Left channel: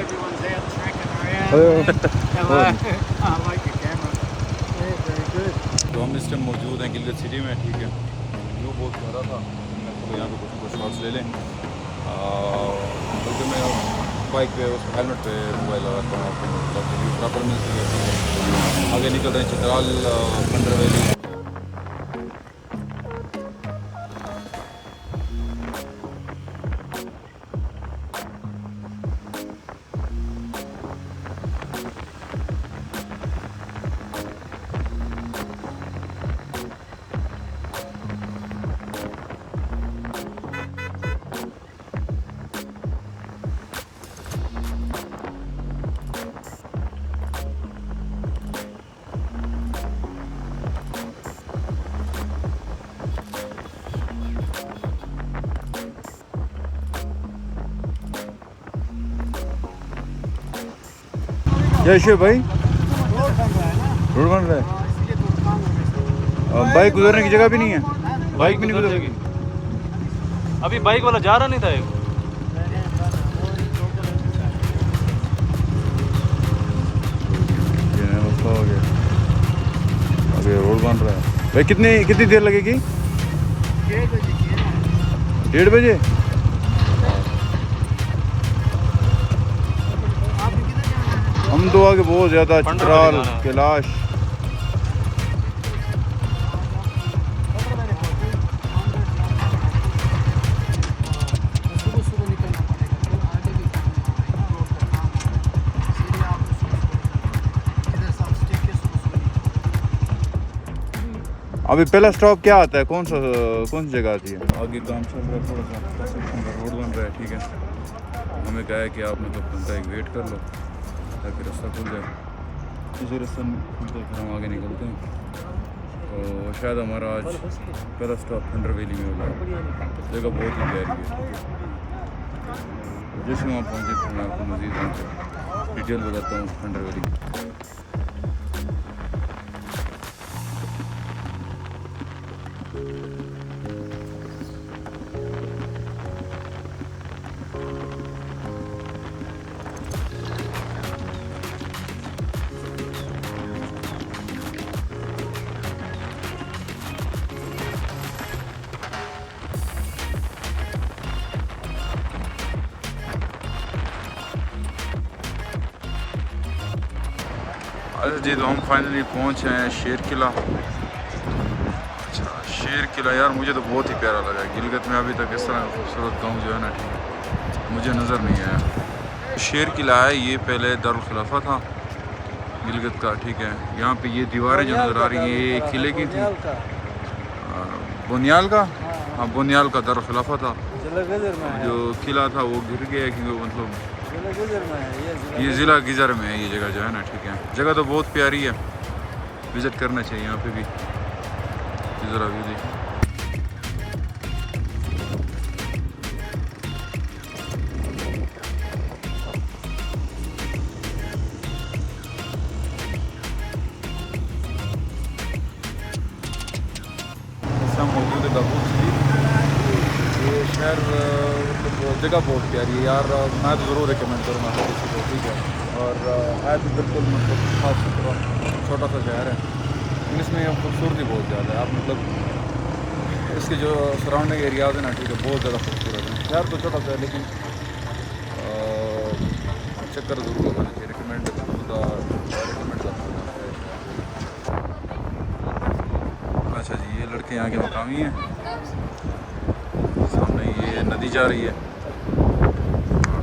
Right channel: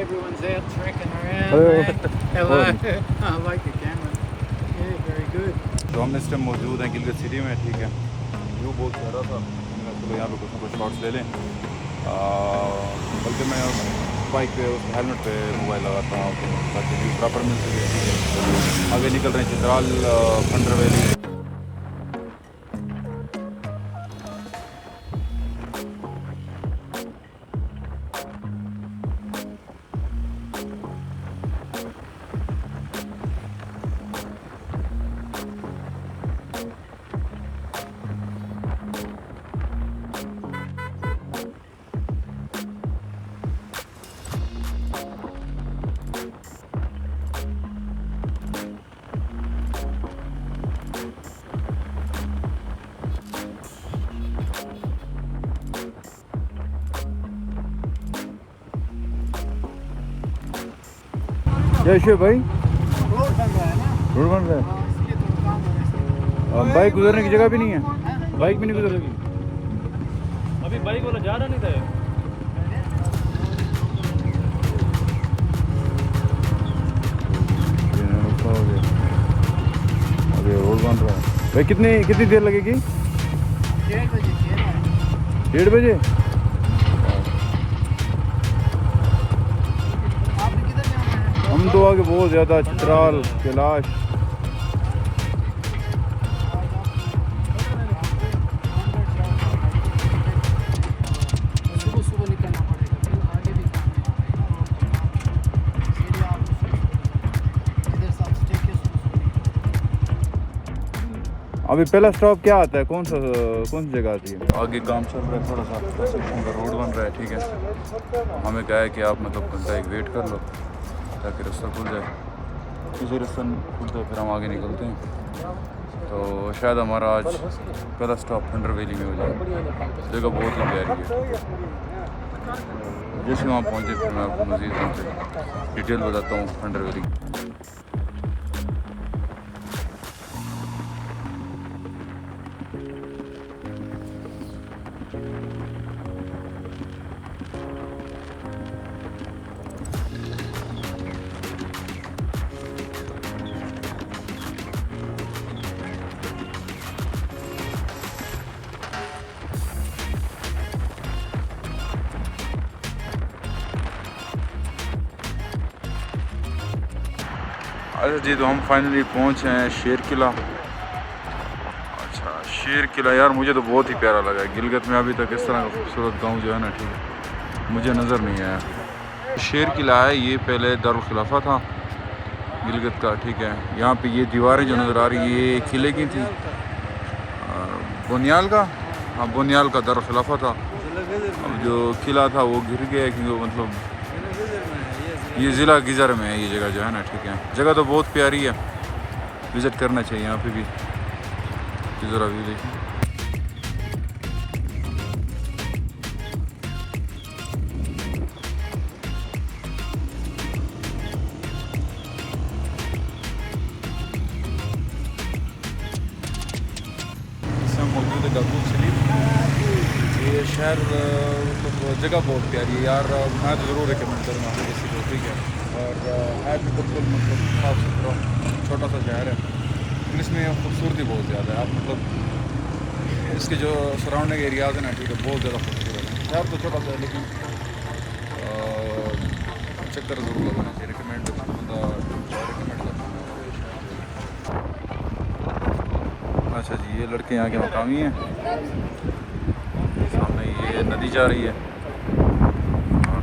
everyone's out trekking around. Hello. I like your camera. Yeah, very good. तो हम इस time मौजूद हैं गिलगित सिटी में, ठीक है। व्यू बहुत प्यारा था, मैं चलो यहाँ पे कुछ ना कुछ शॉट्स ले लें। बल्कि मैं बाइक पे उस हेलमेट पे मोबाइल लगाता हूँ आपको, ताकि व्यू प्रॉपर मिल सके, ठीक है। आगे निकल रहे हैं चित्राल फंडर वैली। जय भाई, रोड बन रहा है ना, रोड बन रहा है, इसलिए तो काम हो रहा है। बाइक गुजरने की जगह भी नहीं है, बाइक भी नहीं गुजरेगी। अभी बाइक वाला जा रहा नहीं था। हो गया, अभी रोड बन रहा है भाई। कितनी देर लगेगी? 1:30 बजे। 1:30 बजे। आपने किधर जाना है? हम तो आगे बहुत ज़्यादा चित्राल कैलाश। सुबह निकलना पड़ेगा, तो आगे भी काम है ना, रोड का काम है, इसलिए आपको सुबह निकलना पड़ेगा। इधर सब स्टे के सुबह। अभी पहला स्टॉप क्या आता है, कौन सी जगह आती है? आगे काम चल रहा है, थोड़ा सा कंस्ट्रक्शन का रोड बन रहा है, ठीक है। हमें कहा है कि आप मतलब घंटा एक वेट कर लो ताकि रास्ता खुल जाए। इसी रास्ता खुल जाए फिर हम आगे निकलते हैं। तो शायद हमारा आज पहला स्टॉप फंडर वैली में हो जाए। जगह बहुत ही प्यारी है, ठीक है। जैसे वहाँ पहुँचे फिर मैं आपको मज़ीद उनसे डिटेल बताता हूँ फंडर वैली। अच्छा जी, तो हम फाइनली पहुँचे हैं शेर किला। अच्छा, शेर किला यार मुझे तो बहुत ही प्यारा लगा। गिलगित में अभी तक इस तरह का खूबसूरत गांव जो है ना, ठीक है, मुझे नज़र नहीं आया। शेर किला है, ये पहले दारुल खिलाफा था गिलगित का, ठीक है। यहाँ पे ये दीवारें जो नज़र आ रही हैं ये किले की थी, बुनियाल का, हाँ बुनियाल का दारुल खिलाफा था। जो किला था वो गिर गया क्योंकि मतलब ये ज़िला गिजर में है ये जगह जो है ना, ठीक है। जगह तो बहुत प्यारी है, विज़िट करना चाहिए यहाँ पे भी। ज़रा व्यू देखिए। इस समय मौजूद है गपूर। ये शहर मतलब जगह बहुत प्यारी है यार, मैं तो ज़रूर रिकमेंड करूँगा हर किसी को, ठीक है। और है भी बिल्कुल मतलब साफ़ सुथरा छोटा सा शहर है, लेकिन इसमें खूबसूरती बहुत ज़्यादा है। आप मतलब इसके जो सराउंडिंग एरियाज़ हैं ना, ठीक है, बहुत ज़्यादा खूबसूरत है। शहर तो छोटा सा है लेकिन चक्कर ज़रूर लगाना चाहिए। रिकमेंड करता हूँ मैं आपको ये शहर जो है। अच्छा जी, ये लड़के यहाँ के मकामी हैं। सामने ये नदी जा रही है और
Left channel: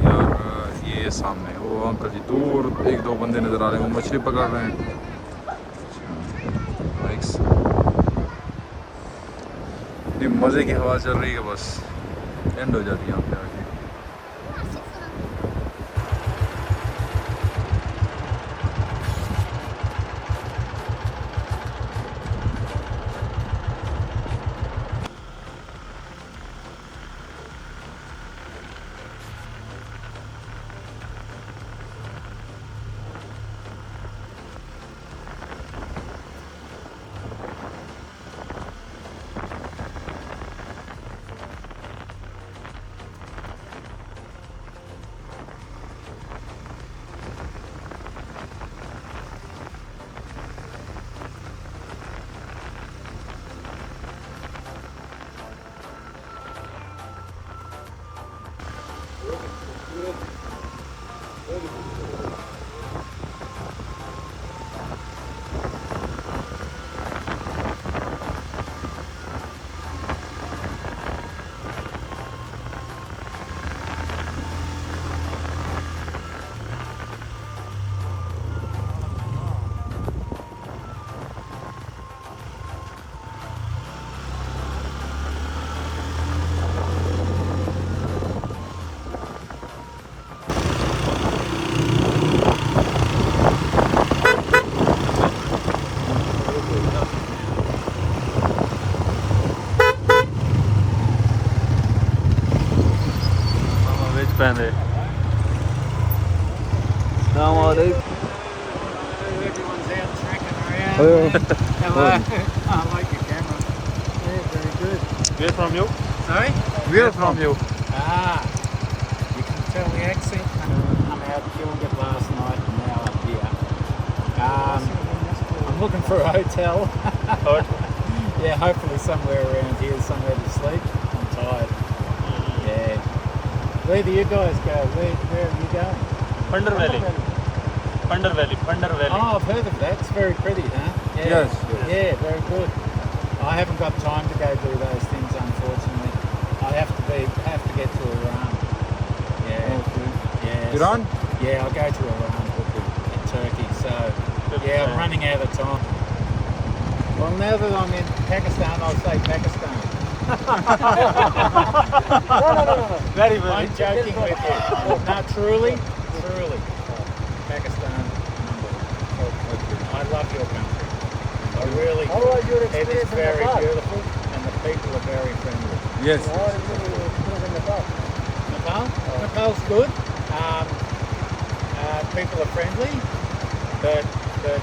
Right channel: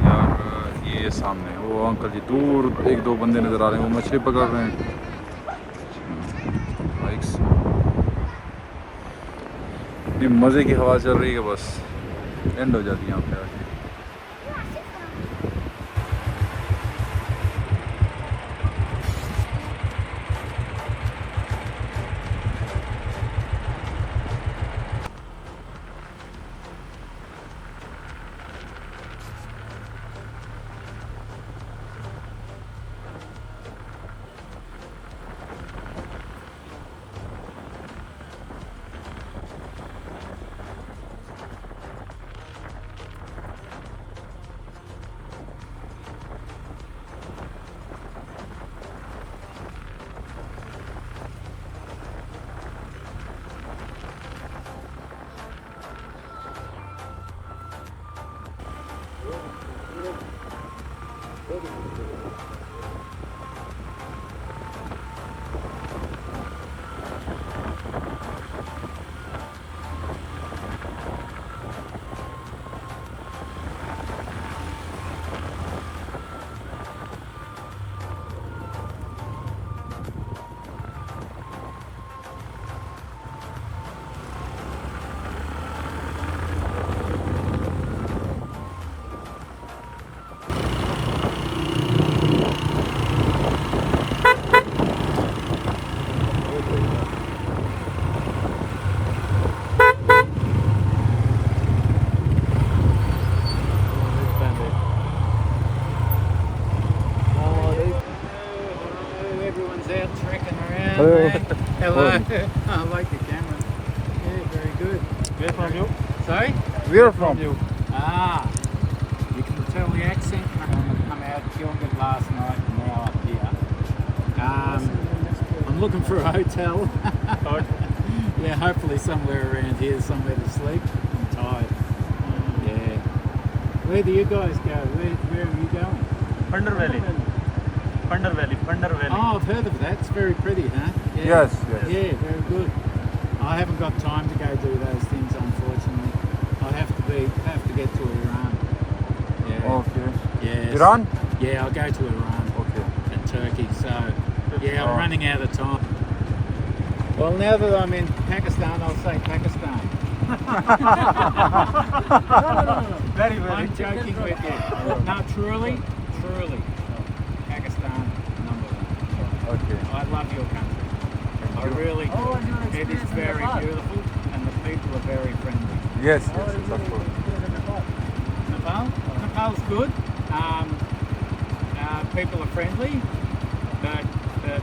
यार ये सामने वो अंकल जी दूर 1-2 बंदे नज़र आ रहे हैं, वो मछली पकड़ रहे हैं बाइक्स। बड़ी मज़े की हवा चल रही है, बस एंड हो जाती है यहाँ पे आके। Everyone's out trekking around. Hello. Man. Hello. I like your camera. Yeah, very good. Where from you? Sorry? Where from you? Ah, you can tell the accent. I'm out Gilgit last night and now up here. I'm looking for a hotel. Yeah, hopefully somewhere around here, somewhere to sleep. I'm tired. Yeah. Where do you guys go? Where are you going? Phander Valley. Phander Valley. Phander Valley. Oh, I've heard of that. It's very pretty, huh? Yeah. Yes, yes. Yeah, very good. I haven't got time to go do those things, unfortunately. I have to get to Iran. Yeah. Okay. Yeah. Iran? Yeah, I'll go to Iran. Okay. And Turkey. So, yeah, I'm running out of time. Well, now that I'm in Pakistan, I'll say Pakistan. No. Very I'm joking with you. No, truly. Pakistan, number one. Okay. I love your country. I really do. It is very beautiful and the people are very friendly. Yes, yes, of course. Nepal? Nepal's good. People are friendly, but the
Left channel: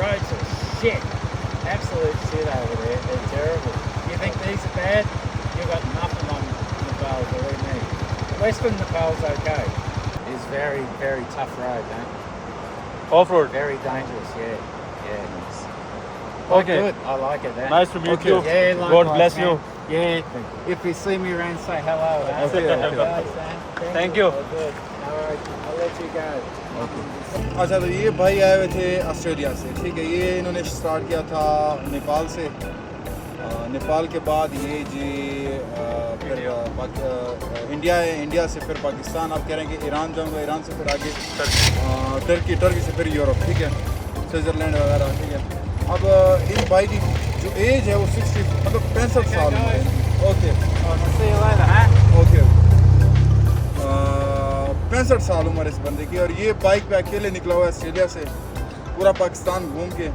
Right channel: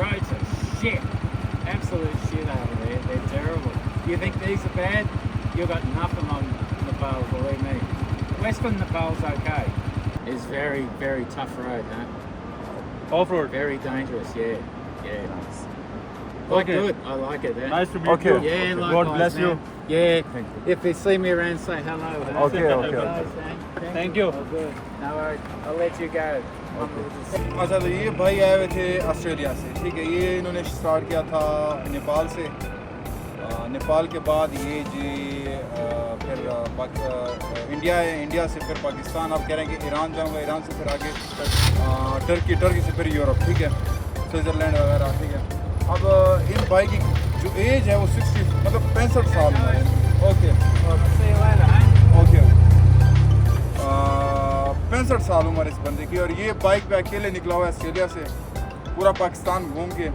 roads are shit. Absolute shit over there. They're terrible. You think these are bad? You've got nothing on Nepal, believe me. Western Nepal's okay. It's very, very tough road, huh? Off-road. Very dangerous, yeah. Quite Okay. good. I like it. Huh? Nice to meet Okay. you. Yeah, God likewise, bless man. you. Yeah. Thank you. If you see me around, say hello. Huh? Okay, okay. Guys, huh? Thank you. Oh, good. No worries. I'll let you go. अच्छा तो ये भाई आए हुए थे Australia से, ठीक है। ये इन्होंने स्टार्ट किया था नेपाल से। नेपाल के बाद ये जी फिर इंडिया है, इंडिया से फिर पाकिस्तान। अब कह रहे हैं कि ईरान जाऊंगा, ईरान से फिर आगे टर्की से फिर यूरोप, ठीक है, स्विट्ज़रलैंड वगैरह, ठीक है। अब इन भाई की जो एज है वो 60 मतलब 65 साल उम्र है। ओके ओके 65 साल उम्र इस बंदे की। और ये बाइक पे अकेले निकला हुआ है ऑस्ट्रेलिया से, पूरा पाकिस्तान घूम के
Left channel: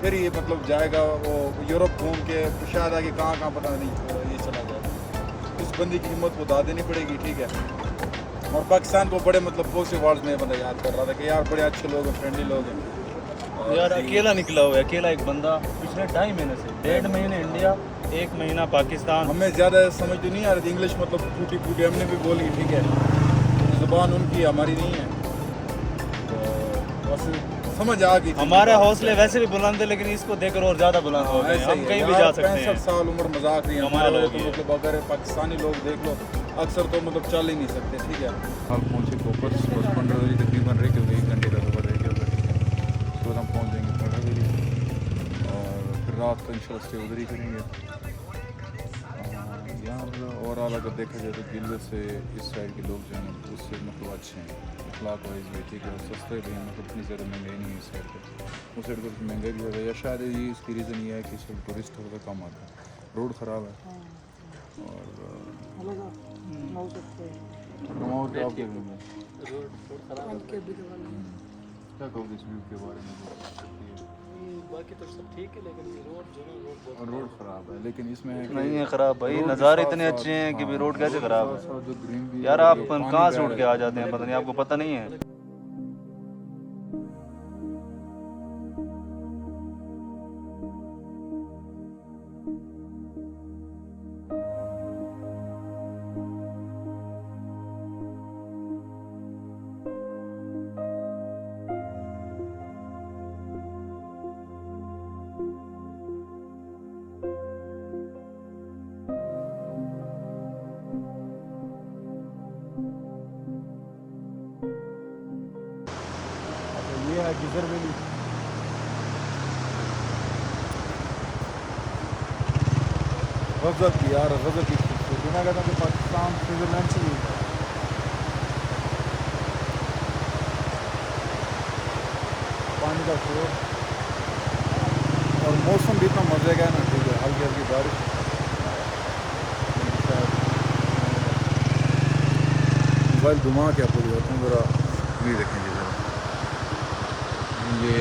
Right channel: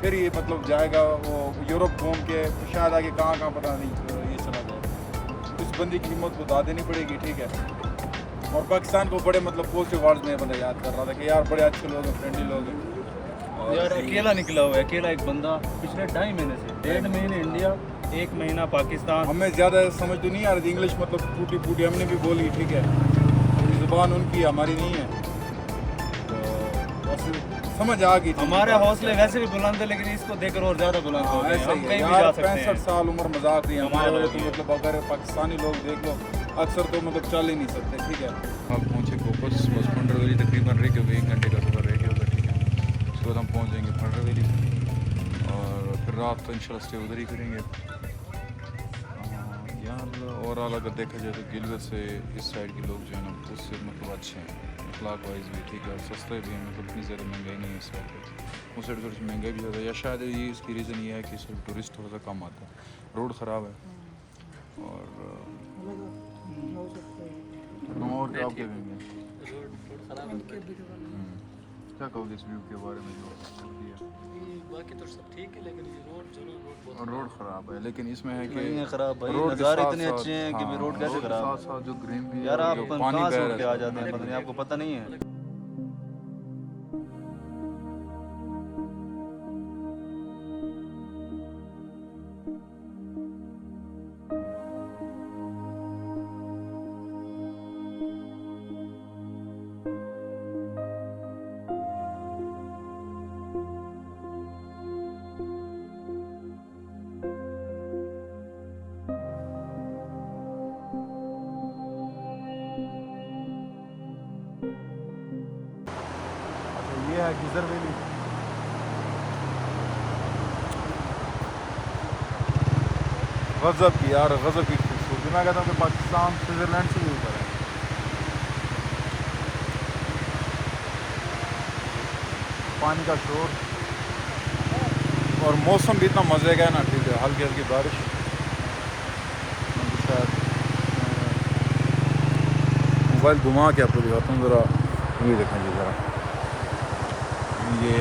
फिर ये मतलब जाएगा वो यूरोप घूम के, शायद आगे कहाँ पता नहीं ये चला जाएगा। इस बंदे की हिम्मत को दाद देनी पड़ेगी, ठीक है। और पाकिस्तान को बड़े मतलब पॉजिटिव वर्ड्स में बंदा याद कर रहा था कि यार बड़े अच्छे लोग हैं, फ्रेंडली लोग हैं। यार अकेला निकला हुआ है, अकेला एक बंदा पिछले 2.5 महीने से, 1.5 महीने इंडिया, 1 महीना पाकिस्तान। हमें ज़्यादा समझ तो नहीं आ रही थी इंग्लिश, मतलब टूटी हमने भी बोली, ठीक है। ज़ुबान उनकी हमारी नहीं है, तो बस समझ आ गई थी। हमारे हौसले वैसे भी बुलंद है, लेकिन इसको देखकर और ज़्यादा बुलंद हो गए। ऐसा ही है यार, 65 साल उम्र मजाक नहीं है हमारे वाले तो, मतलब अगर पाकिस्तानी लोग देख लो अक्सर तो मतलब चल ही नहीं सकते, ठीक है। हम पहुँचे गोपस, बस फंडर वैली तकरीबन रह के होगा, 1 घंटे का सफ़र रह के होगा, ठीक है। उसके बाद हम पहुँच जाएंगे फंडर वैली और फिर रात तो इंशाल्लाह स्टे उधर ही करेंगे। यहाँ ओवरऑल अगर देखा जाए तो गिलगत से इस साइड के लोग जो है ना उससे मतलब अच्छे हैं, इखलाक वाइज भी, ठीक है, और सस्ते भी हैं, मतलब इतनी ज़्यादा महंगाई नहीं है इस साइड पे। उस साइड थोड़ी सी महंगाई भी ज़्यादा है, या शायद ये इसकी रीज़न ये है कि इस साइड टूरिस्ट थोड़ा सा कम आता है, रोड ख़राब है। और क्या आप क्या कहेंगे, क्या कहोगे इस व्यू के बारे में जो है? बाकी तो सब ठीक है, लेकिन ये रोड ख़राब है, लेकिन इसमें है कि नहीं है खराब भाई, रोड के नज़ारे साथ इतने साथ- अच्छे हैं कि हाँ, रोड कैसे के खराब है? साथ साथ जो ग्रीनरी यार है, आप जो कहाँ पानी से बह उठ रहा के आ है, जाते हैं, पता नहीं आपको पता नहीं है। है गिजर वैली। गजब की यार, गजब की खूबसूरती। मैं कहता हूँ कि पाकिस्तान स्विट्जरलैंड से भी ऊपर है। पानी का शोर और मौसम भी इतना मज़े का है ना, ठीक है, हल्की हल्की बारिश। शायद मोबाइल घुमा के आपको दिखाता हूँ ज़रा, ये देखेंगे ज़रा, ये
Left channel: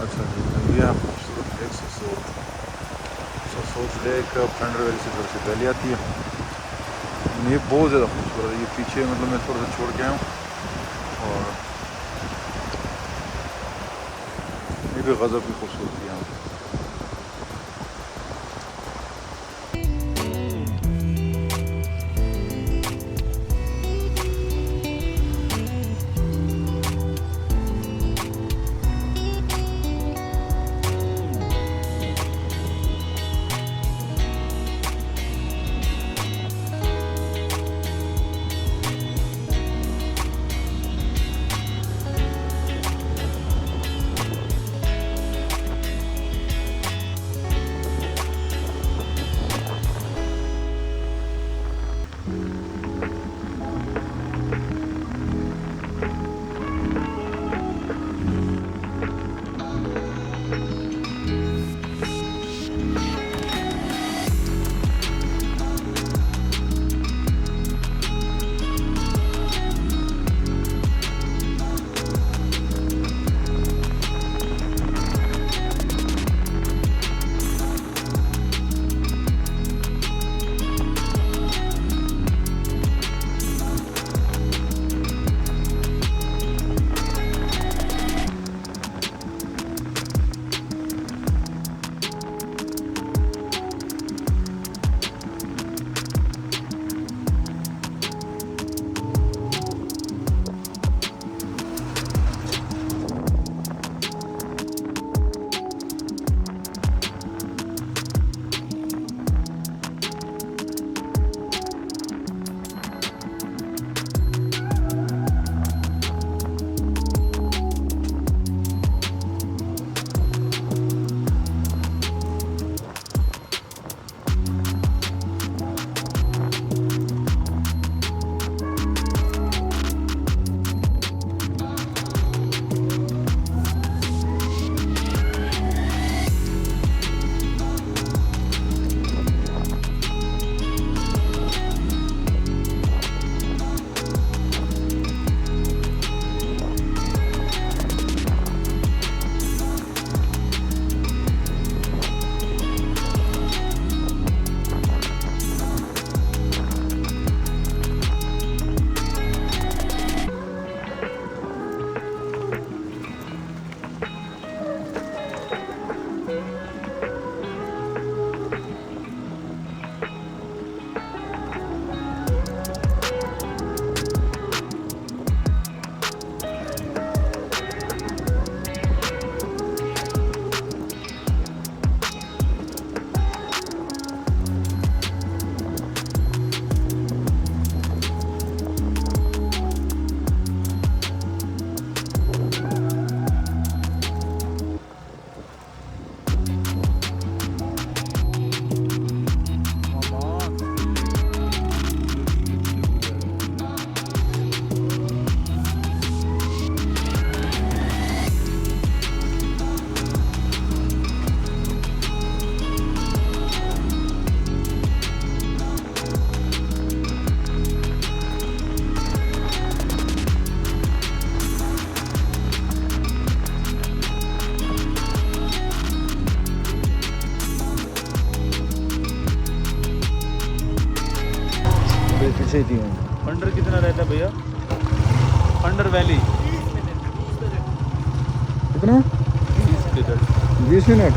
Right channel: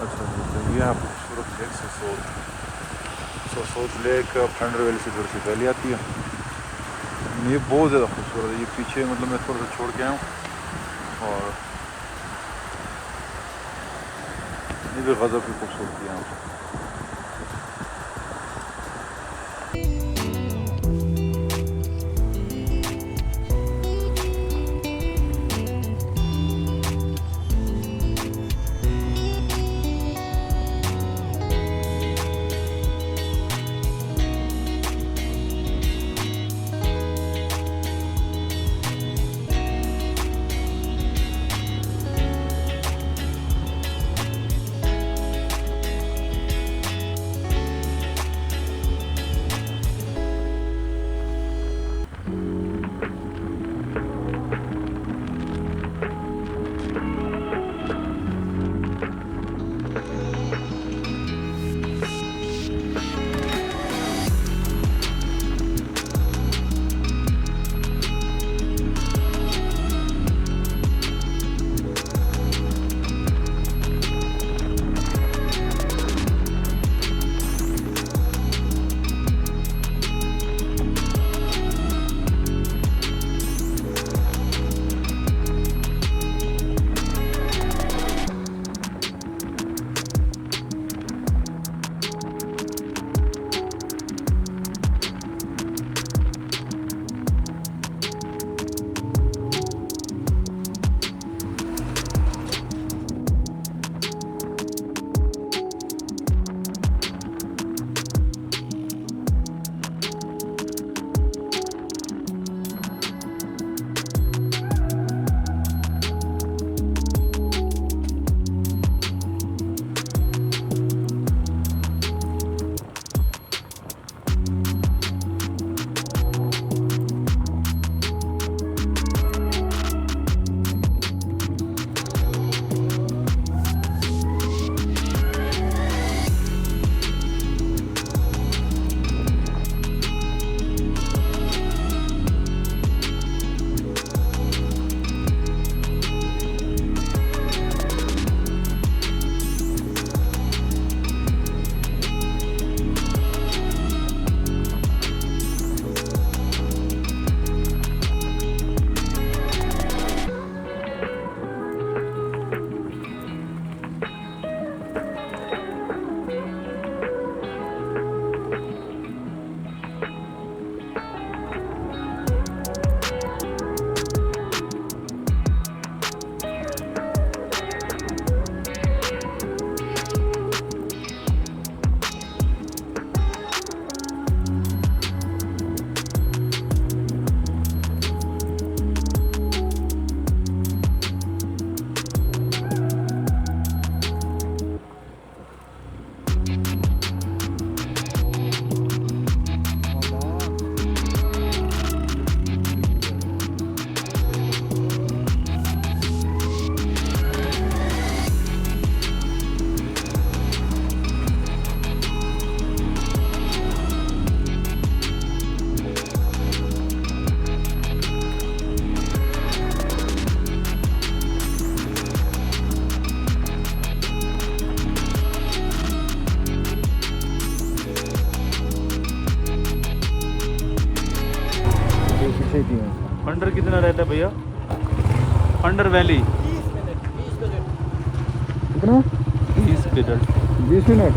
अच्छा जी। तो ये आप खूबसूरत लेक सोसोत लेक फंडर वैली से थोड़ी सी पहले आती है। ये बहुत ज़्यादा खूबसूरत है। ये पीछे मतलब मैं थोड़ा सा छोड़ के आया हूँ और ये भी गज़ब की खूबसूरती है यहाँ पर। छेती में फंडर कितना रहता है भैया? फंडर वैली कितना 20 मिनट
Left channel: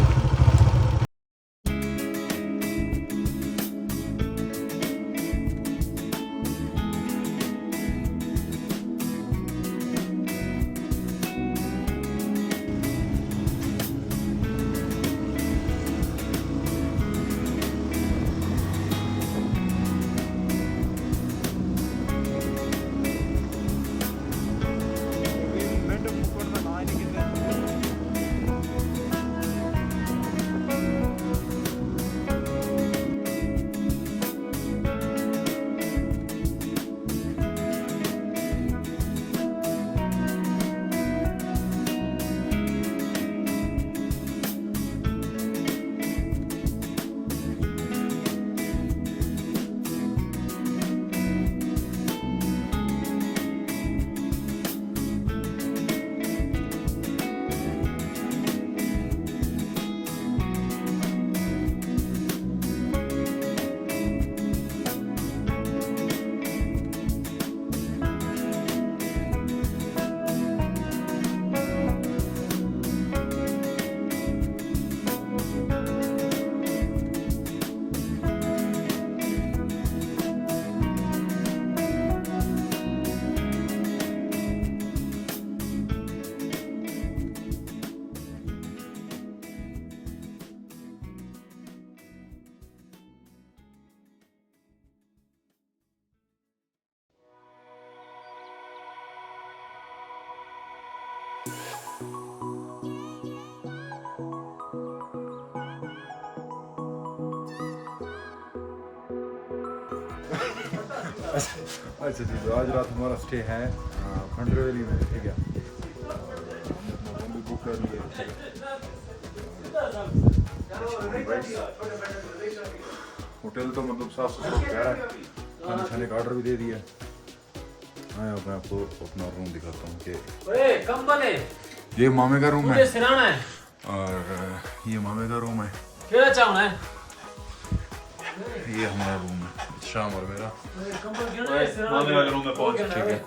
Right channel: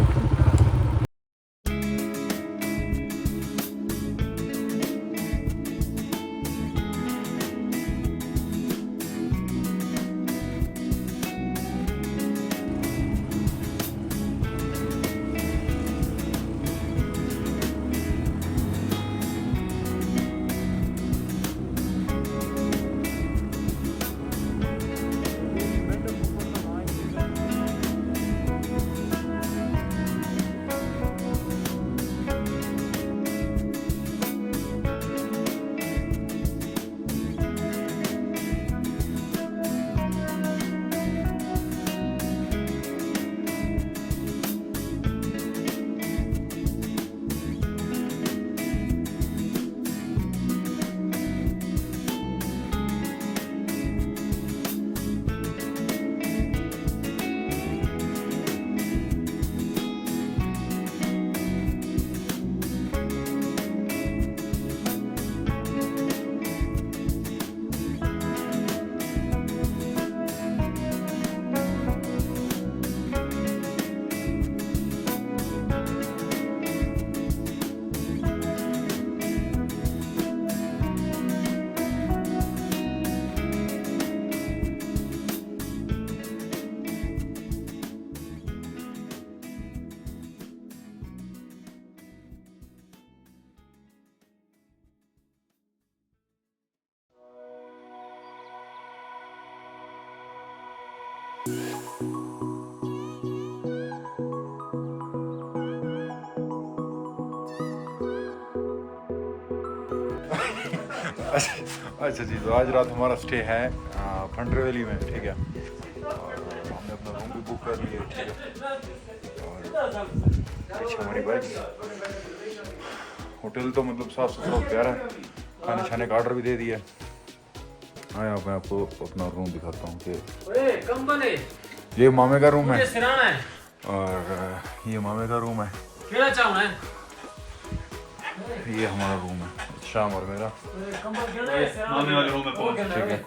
अच्छा जी, तो आज रात हमारा स्टे है फंडर वैली में, ठीक है। हमने अपना रूम भी बुक कर लिया, ठीक है। हमारी बस होटल तो मतलब साफ सुथरा प्यारा है, खाने छाने का ऑर्डर भी दे दिया। हाँ, यहाँ मैं आपको अपना रूम दिखाता हूँ कि ये मामे का रूम है और ये मामे का रूम है, ये हमारा रूम है, शाम और मेरा, मामे वाले रूम में पहुंच, ठीक है।